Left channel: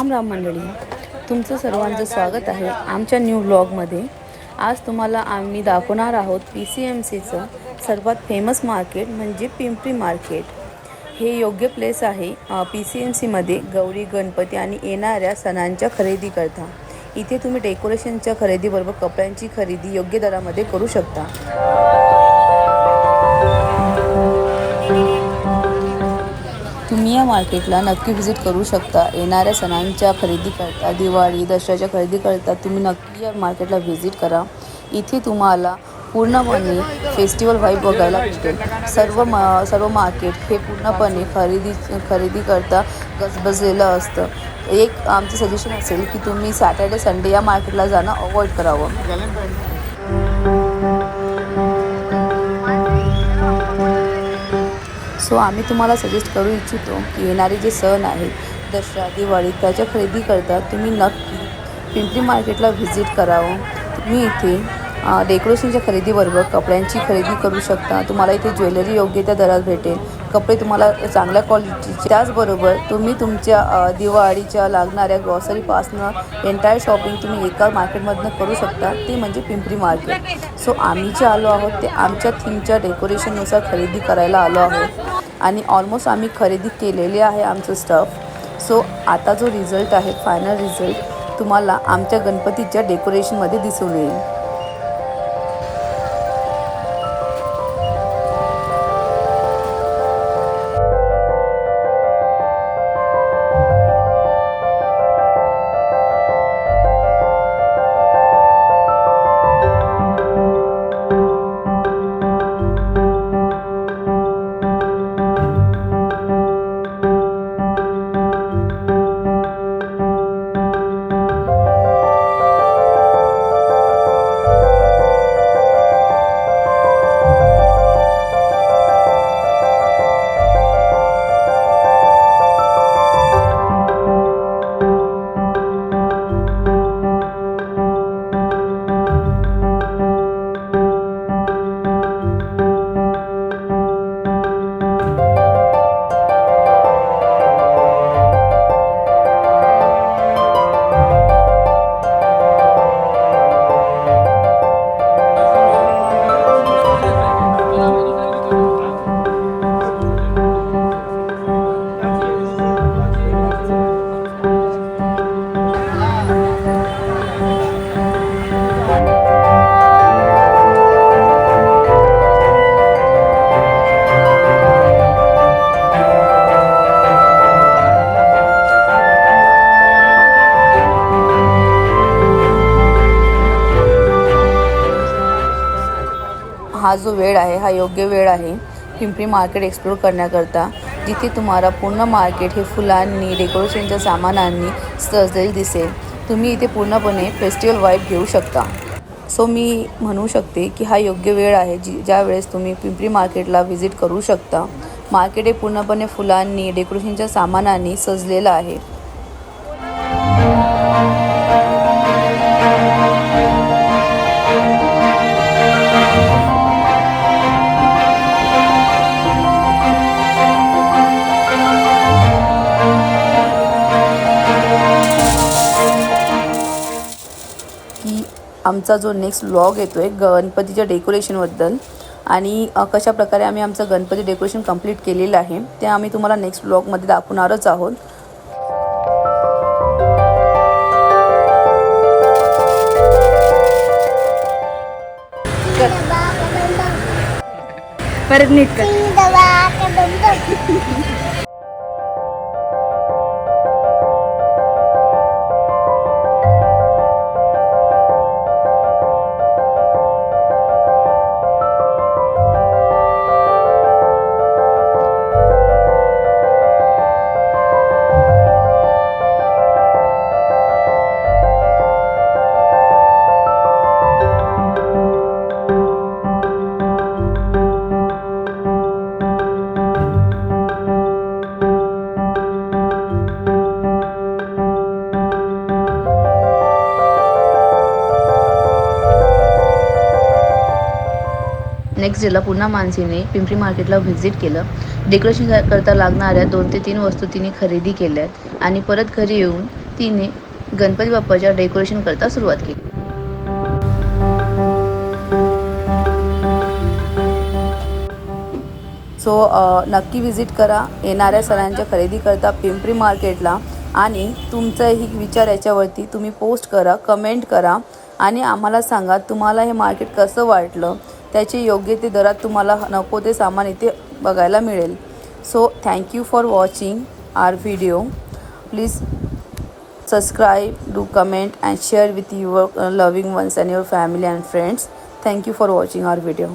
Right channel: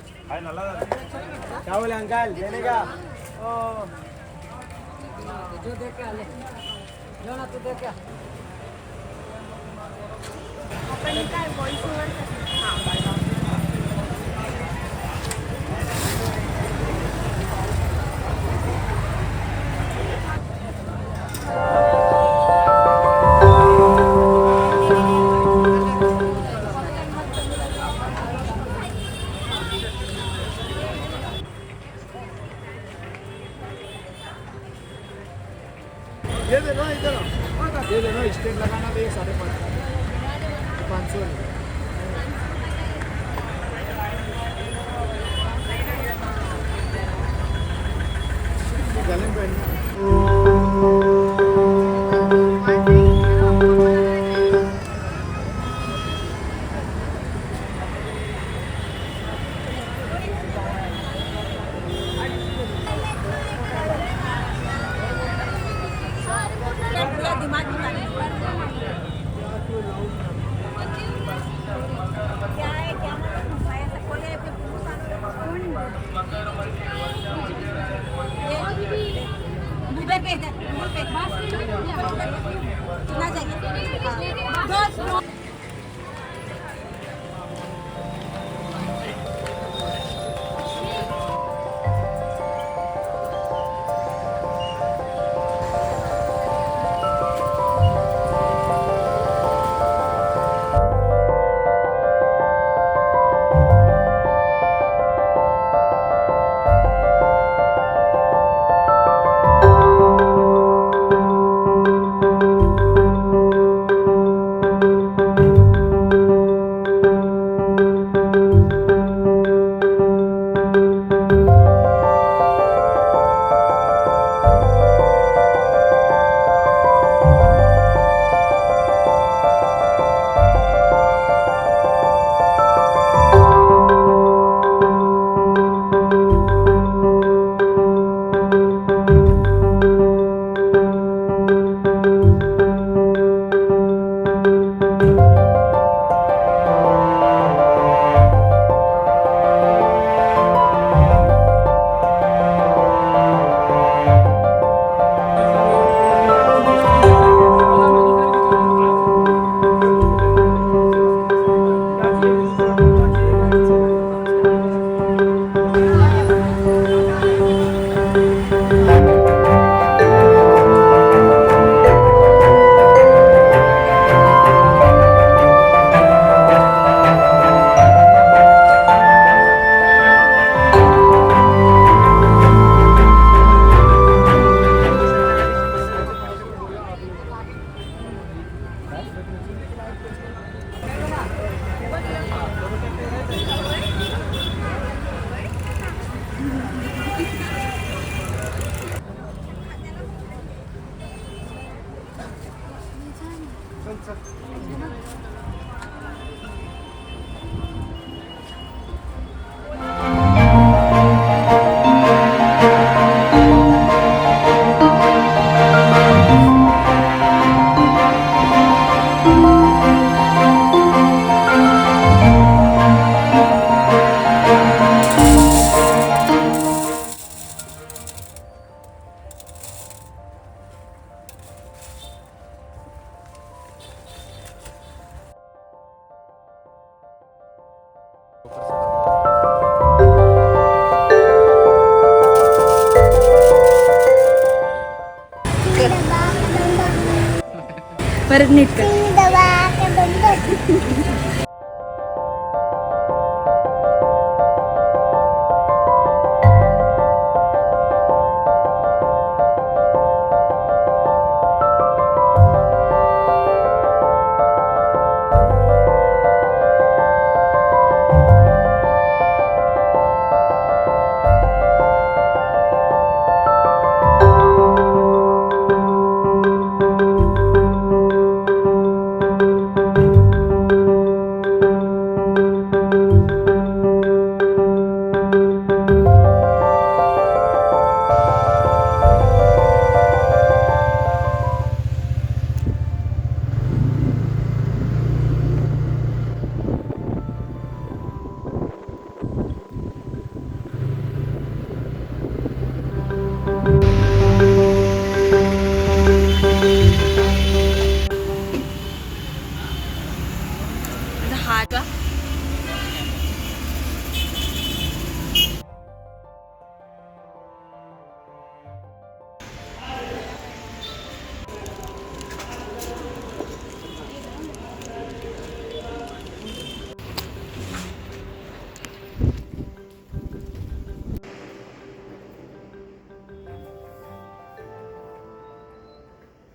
राम राम मंडळी, तुमचं सर्वांचं स्वागत आहे आमच्या न्यू व्लॉगमध्ये. आज तुम्हाला आम्ही दाखवणार आहोत PCMCचं सर्वात फेमस मार्केट म्हणजे पिंपरी मार्केट. हे योग्य प्लेस आहे PCMCमध्ये गौरी गणपती आणि येणाऱ्या सणांच्या खरेदी करता. इथे तुम्ही डेकोरेशनच्या खरेदीबरोबर कपड्यांची खरेदी योग्य दरामध्ये करू शकता. तुम्ही या मार्केटला नक्की व्हिजिट करू शकता. येणाऱ्या सणांच्या खरेदी करता, दिवाळी दसऱ्याच्या खरेदी करता तुम्ही नक्की या मार्केटला व्हिजिट करा. इथे तुम्हाला पूर्णपणे फेस्टिवल व्हाईब बघायला भेटेल. सर्व मार्केट हे पूर्णपणे खरेदी करता गजबजलेलं असतं. एक आमचं सजेशन असेल की तुम्ही सॅटर्डे संडे या मार्केटला जाणं अवॉइड करावं. सो आम्ही तुम्हाला सजेस्ट करू इच्छितो की येणारे जे सण आहेत दसरा दिवाळी त्याच्या खरेदी करता तुम्ही नक्की पिंपरी मार्केटला व्हिजिट करावं. तुम्ही इथे डेकोरेशनच्या खरेदीबरोबर कपड्यांची खरेदी करू शकता. तुम्हाला इथे ज्वेलरी योग्य त्या दरात भेटेल. कपडे तुम्हाला चांगल्या क्वालिटीचे. त्याचबरोबर तुम्ही तुमच्या दिवाळीच्या लागणाऱ्या ग्रॉसरीपासनं एंटायर शॉपिंग तुम्ही एका मार्केटमधनं करू शकता, ती म्हणजे पिंपरी मार्केट. सो आम्ही जे आलो आहोत ते आमच्या थीमच्या डेकोरेशननुसार खरेदी करायला आलो आहोत आणि ऑलमोस्ट आम्ही खरेदी केलेली आहे आमचं स्टफ. सो आता जो रिझल्ट आहे फायनल रिझल्ट तुम्हाला आमच्या गणपतीच्या डेकोरेशनमध्ये दिसून येईल. हा जो वेळ आहे हा योग्य वेळ आहे पिंपरी मार्केट एक्सप्लोर करण्याकरता, जिथे तुम्हाला पूर्ण मार्केट हे फुलांनी डेकोरेशनच्या सामानांनी सजलेले दिसेल. तुम्ही इथे पूर्णपणे फेस्टिवल वाईब घेऊ शकता. सो मी म्हणू शकते की हा योग्य वेळ आहे ज्या वेळेस तुम्ही पिंपरी मार्केटला व्हिजिट करू शकता. मार्केट हे पूर्णपणे फुलांनी डेकोरेशनच्या सामानांनी सजलेलं आहे. आमचा जो नेक्स्ट व्लॉग येतो आहे गणपतीच्या डेकोरेशनबद्दल आणि कशा प्रकारे आम्ही आमचं गणपती डेकोरेशन कंप्लीट केलेलं आहे ते आम्ही तुम्हाला नेक्स्ट व्लॉगमध्ये दाखवणारच आहोत. परत नीट कर. नेक्स्ट डेला पुन्हा मानसीने पिंपरी मार्केटला व्हिजिट केलं. डेकोरेशन करता लागणाऱ्या 2 ते 3 वस्तू तिने खरेदी केल्यात आणि परत घरी येऊन तिने गणपती बाप्पाच्या डेकोरेशन करता सुरुवात केली. सो नक्की विजिट करा येणाऱ्या सणांच्या खरेदी करता पिंपरी मार्केटला. आणि तुमचाही विचार याच्यावरती तुम्ही पोस्ट करा, कमेंट करा आणि आम्हाला सांगा तुम्हाला हे मार्केट कसं वाटलं. त्याचे योग्य ते दरात तुम्हाला नको ते सामान इथे बघायला मिळेल. So thank you for watching our video. Please subscribe, do comment and share with your loving ones and your family and friends. Thank you for watching our video.